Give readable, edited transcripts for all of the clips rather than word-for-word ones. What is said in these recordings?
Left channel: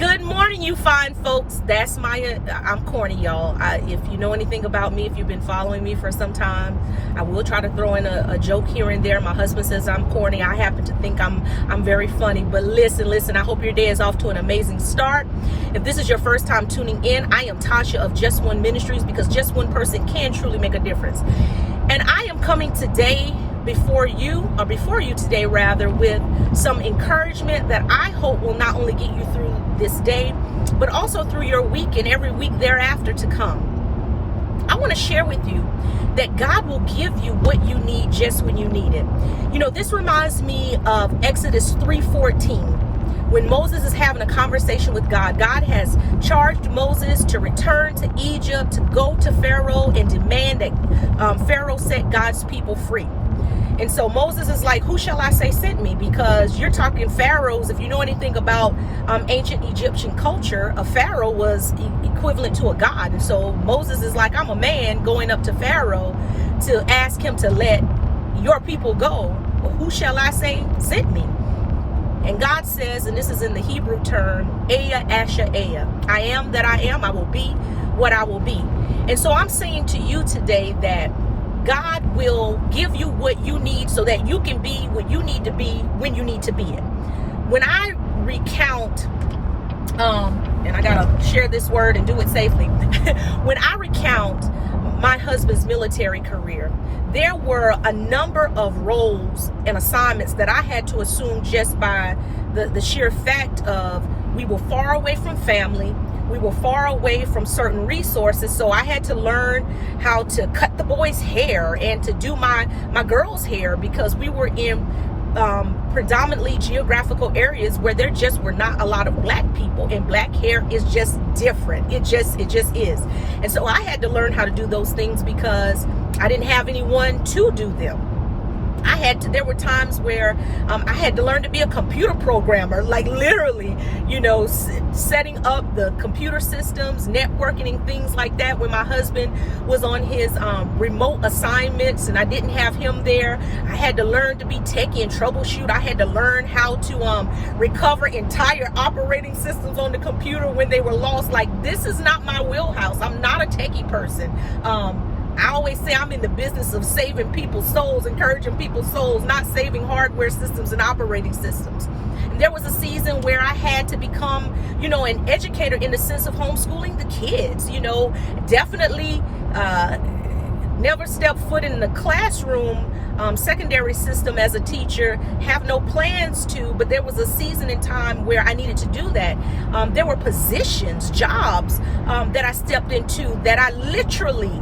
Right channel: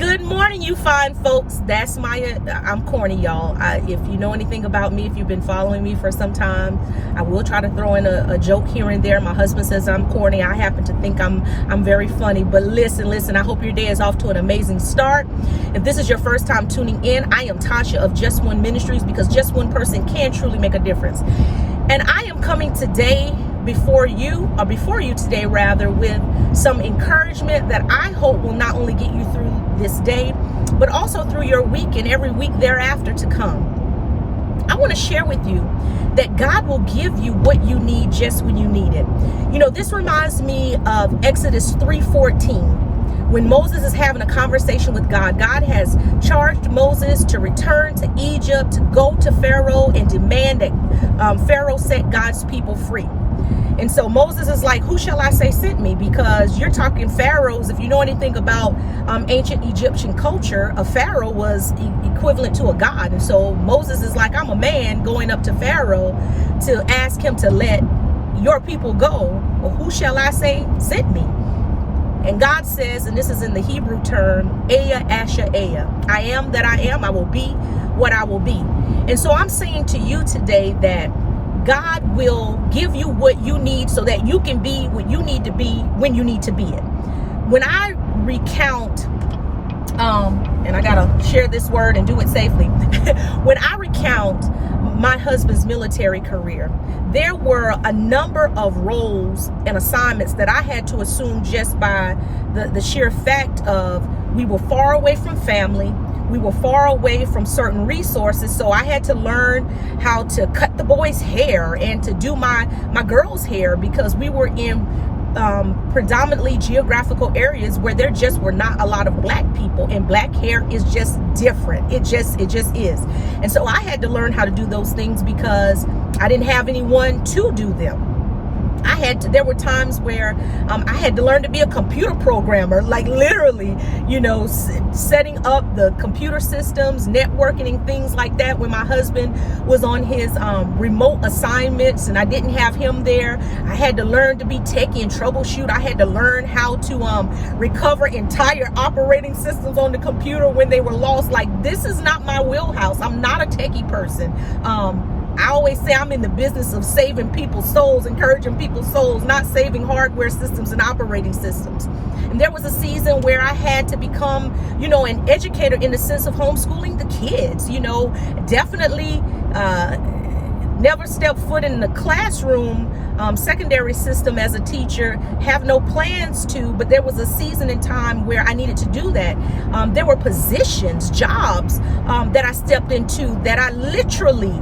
Good morning, you fine folks. That's I'm corny, y'all. If you know anything about me, if you've been following me for some time, I will try to throw in a joke here and there. My husband says I'm corny. I happen to think I'm very funny. But listen, I hope your day is off to an amazing start. If this is your first time tuning in, I am Tasha of Just One Ministries, because just one person can truly make a difference. And I am coming today before you today rather, with some encouragement that I hope will not only get you through this day, but also through your week and every week thereafter to come. I want to share with you that God will give you what you need just when you need it. You know, this reminds me of Exodus 3:14. When Moses is having a conversation with God, God has charged Moses to return to Egypt, to go to Pharaoh and demand that Pharaoh set God's people free. And so Moses is like, who shall I say sent me? Because you're talking pharaohs. If you know anything about ancient Egyptian culture, a pharaoh was equivalent to a god. And so Moses is like, I'm a man going up to Pharaoh to ask him to let your people go. Well, who shall I say sent me? And God says, and this is in the Hebrew term, Eya Asher Eya. I am that I am. I will be what I will be. And so I'm saying to you today that God will give you what you need so that you can be what you need to be when you need to be it. When I recount, and I gotta share this word and do it safely. When I recount my husband's military career, there were a number of roles and assignments that I had to assume just by the sheer fact of we were far away from family. We were far away from certain resources, so I had to learn how to cut the boys' hair and to do my girls' hair, because we were in predominantly geographical areas where there just were not a lot of black people, and black hair is just different. It just is. And so I had to learn how to do those things because I didn't have anyone to do them. There were times where I had to learn to be a computer programmer, like literally, setting up the computer systems, networking and things like that when my husband was on his remote assignments and I didn't have him there. I had to learn to be techie and troubleshoot. I had to learn how to recover entire operating systems on the computer when they were lost. Like, this is not my wheelhouse. I'm not a techie person. I always say I'm in the business of saving people's souls, encouraging people's souls, not saving hardware systems and operating systems. And there was a season where I had to become, an educator in the sense of homeschooling the kids. Definitely never stepped foot in the classroom, secondary system as a teacher, have no plans to, but there was a season in time where I needed to do that. There were positions, jobs that I stepped into that I literally,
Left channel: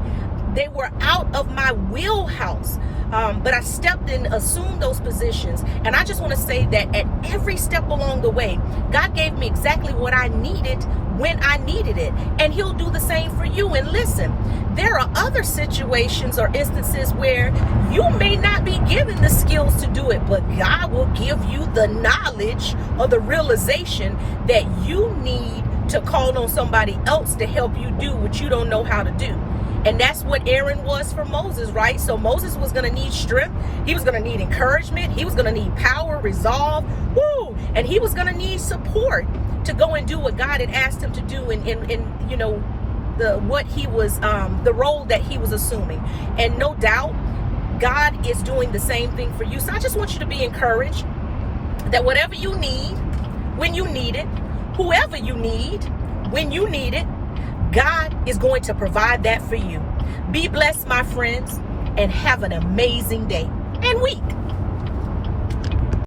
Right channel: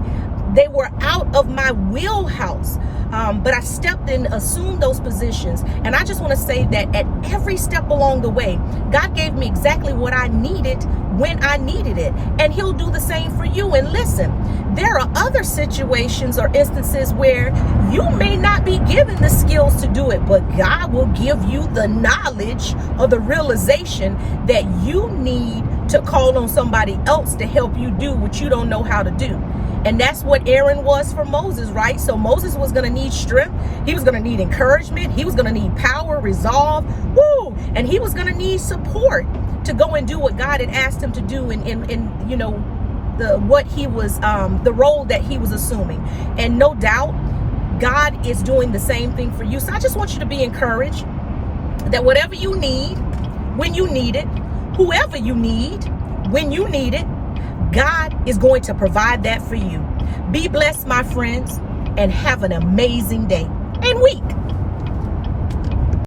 they were out of my wheelhouse, but I stepped in, assumed those positions. And I just want to say that at every step along the way, God gave me exactly what I needed when I needed it. And he'll do the same for you. And listen, there are other situations or instances where you may not be given the skills to do it, but God will give you the knowledge or the realization that you need to call on somebody else to help you do what you don't know how to do. And that's what Aaron was for Moses, right? So Moses was going to need strength. He was going to need encouragement. He was going to need power, resolve, and he was going to need support to go and do what God had asked him to do in the role that he was assuming. And no doubt, God is doing the same thing for you. So I just want you to be encouraged that whatever you need, when you need it, whoever you need, when you need it, God is going to provide that for you. Be blessed, my friends, and have an amazing day and week.